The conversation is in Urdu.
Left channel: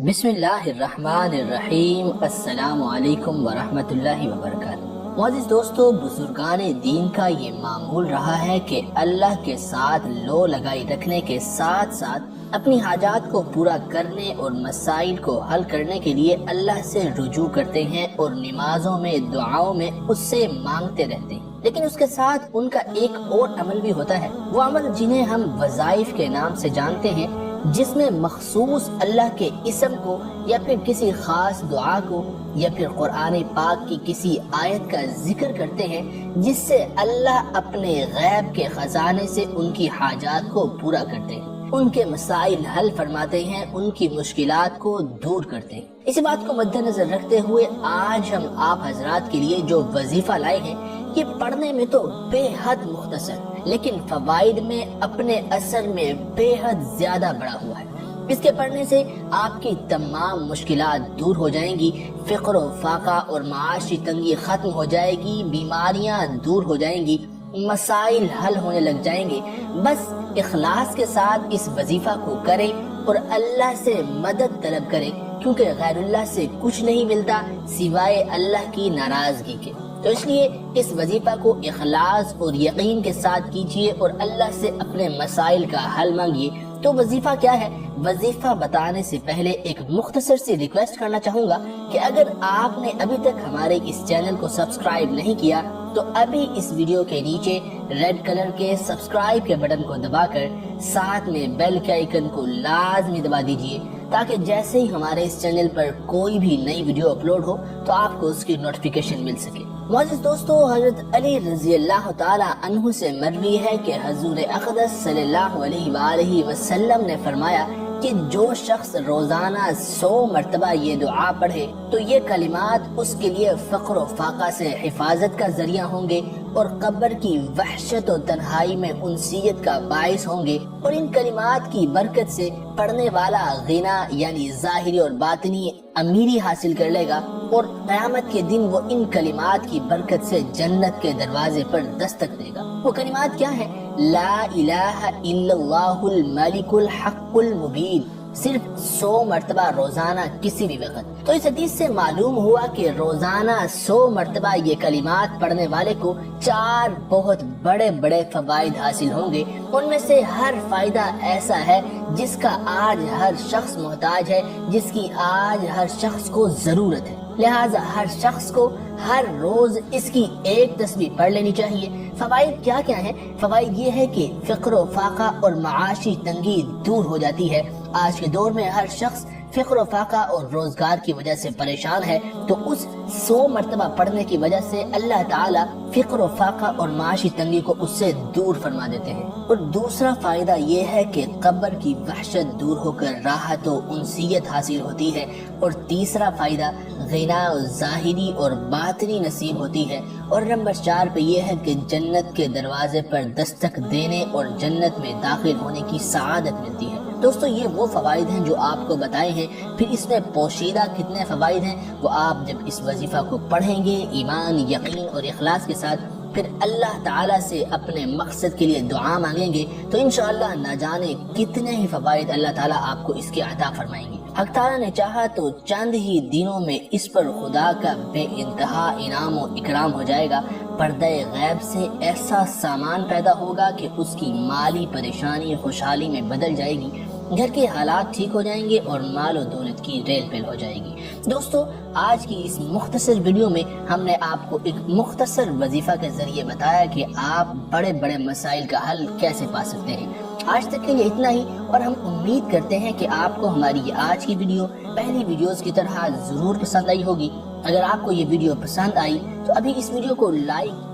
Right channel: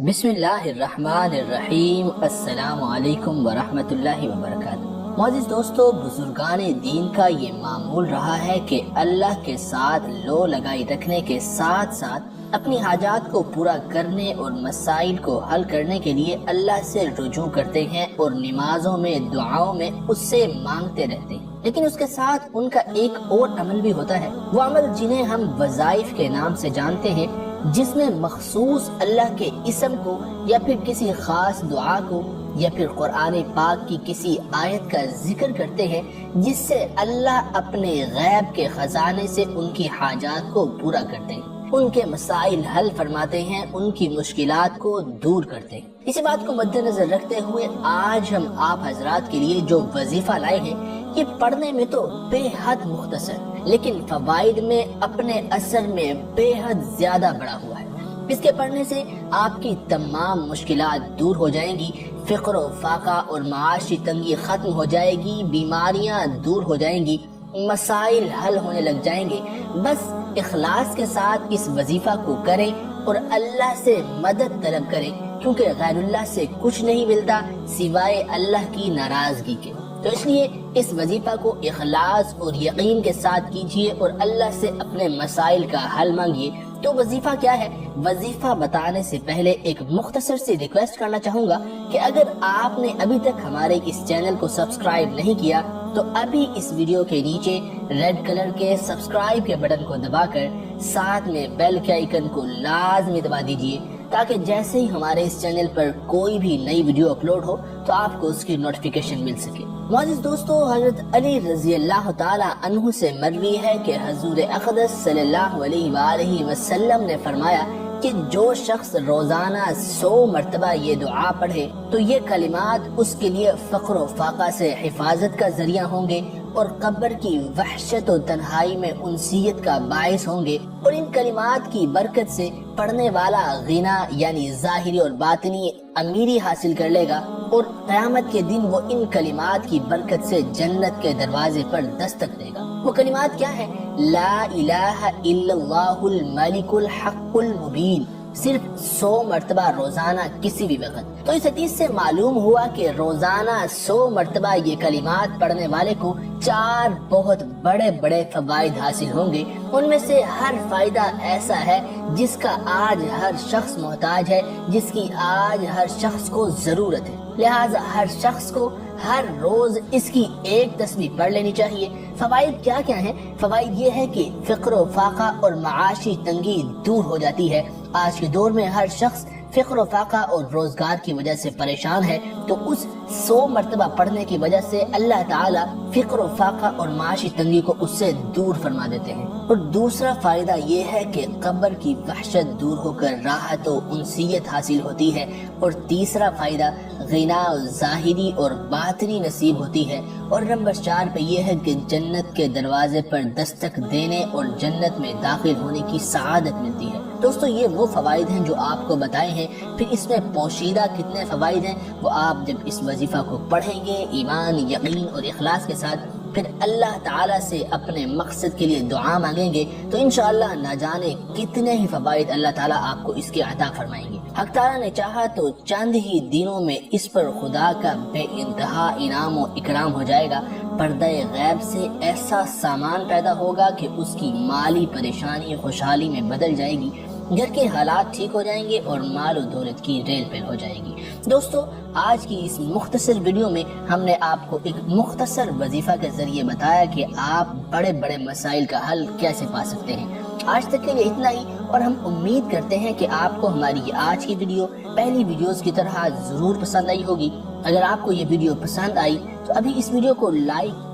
بسم اللہ الرحمن الرحیم۔ السلام علیکم ورحمۃ اللہ وبرکاتہ۔ معزز دوستو، بزرگان دین کا یہ معمول رہا ہے کہ اللہ کے ساتھ لو لگائی رکھنے کے ساتھ ساتھ اپنی حاجات کو پورا کرنے اور مسائل کو حل کرنے کے لیے اللہ سے رجوع کرتے ہیں اور نمازوں میں دعاؤں میں اس سے مانگتے رہتے ہیں۔ لیکن اس کے ساتھ ان کا ایک اور عمل بھی ہوتا ہے، وہ عمل جنہیں ہم وظائف کے نام سے جانتے ہیں، جس میں مخصوص اللہ کے اسم کو یا پھر کسی خاص دعا کو یا پھر قرآن پاک کی کسی آیت کا ذکر کرتے ہیں، جس سے اللہ اپنے غیب کے خزانے سے ان کی حاجات کو پورا کرتے ہیں، ان کے مسائل حل فرماتے ہیں، ان کی مشکلات کو دور کرتے ہیں۔ اسی بات کو مد نظر رکھتے ہوئے آج ہم آپ حضرات کے لیے جو وظیفہ لائے ہیں، یہ پڑھنے میں تو بے حد مختصر لیکن فوائد میں اپنے اثر میں بے حد زیادہ بڑا ہوا ہے۔ اس کے پڑھنے سے آپ کی تمام مشکلات دور ہو جائیں گی، فقر و فاقہ اور معاشی تنگی ختم ہو جائے گی، بیماریاں دور ہو جائیں گی، مسائل حل ہونے لگ جائیں گے۔ بس اخلاص کے ساتھ اس وظیفہ کو کریں اور اللہ سے مدد طلب کریں، کیونکہ غیر اللہ سے کچھ نہیں ملتا سوائے اللہ کی ناراضگی کے۔ تو اس لیے اس وظیفہ کو اخلاص اور یقین کے ساتھ کیجئے اور اللہ سے اپنے مسائل کا حل مانگیے۔ تو وظیفہ کیا ہے؟ وظیفہ بتانے سے پہلے ایک مختصر سی ریکویسٹ کرنا چاہوں گا کہ اگر آپ نے ابھی تک ہمارے اس چینل کو سبسکرائب نہیں کیا تو ابھی اس ویڈیو کے نیچے ریڈ کلر کے سبسکرائب کے بٹن کو دبا کر ساتھ میں بیل کے آئیکن کو لازمی دبا دیجئے، تاکہ جیسے ہی ہمارے اس چینل پر کوئی بھی نئی ویڈیو اپلوڈ ہو تو آپ کو اس کی نوٹیفیکیشن مل سکے۔ معزز دوستو، حضرت علی رضی اللہ تعالی عنہ سے مروی ہے کہ حضور اقدس صلی اللہ علیہ وآلہ وسلم نے فرمایا کہ جو شخص روزانہ 100 مرتبہ یہ دعا پڑھے تو یہ کلمات اس کے لیے فقر و فاقہ سے حفاظت کا ذریعہ ہوں گے اور قبر کی وحشت و تنہائی میں انسیت کا باعث ہوں گے، اور ان کلمات کی برکت سے پڑھنے والا غنا یعنی ظاہری اور باطنی امیری حاصل کر لے گا، اور قیامت کے دن وہ ان کلمات کی برکت سے جنت کے دروازے پر دستک دے گا۔ وہ کلمات کیا ہیں؟ لا الہ الا اللہ الملک الحق المبین، صرف 100 مرتبہ روزانہ کسی بھی وقت۔ تو اس حدیث سے معلوم ہوا کہ روزانہ 100 مرتبہ یہ کلمات پڑھنے والے کو 4 بہت بڑے بڑے فوائد حاصل ہوں گے۔ ان میں سے ہر فائدہ ایسا ہے جس کا آج ہر شخص محتاج ہے، جس کی آج ہر شخص کو ضرورت ہے، لہٰذا ہر شخص کو ہر روز اس کی ایک تسبیح پڑھ لینی چاہیے۔ فوائد کیا کیا ہیں؟ فوائد یہ ہے کہ فقر و فاقہ اور معاشی تنگی دور ہو جاتی ہے۔ آج کے دور میں ہر شخص فقر و فاقہ اور روزگار کی وجہ سے پریشان ہے، تو اس 100 مرتبہ پڑھنے کی وجہ سے اللہ تعالیٰ فقر و فاقہ اور معاشی تنگی کو اس سے دور فرما دیتے ہیں۔ اور دوسرا فائدہ یہ ہے کہ قبر کی وحشت دور ہو کر راحت و انسیت حاصل ہوتی ہے، اور تیسرا فائدہ غنا ظاہری اور باطنی نصیب ہوتی ہے، اور نمبر 4 پہ یہ ہے کہ جنت کے دروازے پر دستک دینے اور جنت میں داخل ہونے کی سعادت ملتی ہے۔ دوستو، یہ وہ فوائد ہیں جو آپ کو بتائے ہیں۔ پھر اس میں پوشیدہ کتنے فوائد ہیں وہ آپ جب اس وظیفہ کو پڑھیں گے ایمان، یقین اور اخلاص کے ساتھ، پھر اللہ تعالیٰ سے اپنے مقصد کے لیے دعا مانگیں گے تو انشاءاللہ نہ جانے کتنے ہی فوائد اللہ تعالیٰ آپ کو اس کے عطا فرمائیں گے۔ حق تعالیٰ نے چاہا تو چند ہی دنوں میں اس پر خدا کا بے انتہا انعام و اکرام ہو جائے گا۔ پردہ غیب سے ایسا سامان پیدا ہوگا کہ اس کی مالی پریشانی خوشحالی میں بدل جائے گی، گھر کے حالات ٹھیک ہو جائیں گے اور مال و دولت کی ریل پیل ہو جائے گی۔ دوستو، آج کی اس مختصر ویڈیو میں ہم نے آپ کو ایک مختصر وظیفہ کے ذریعے بتایا کہ آپ بڑے بڑے مسائل کا حل کیسے پا سکتے ہیں۔ آج تک کے لیے اتنا ہی، اور ہم امید کرتے ہیں کہ آپ کو ہماری یہ آج کی ویڈیو پہلی ویڈیوز کی طرح ضرور پسند آئی ہوگی۔ اگر آپ کو یہ ویڈیو پسند آئی تو ابھی اس ویڈیو کو لائک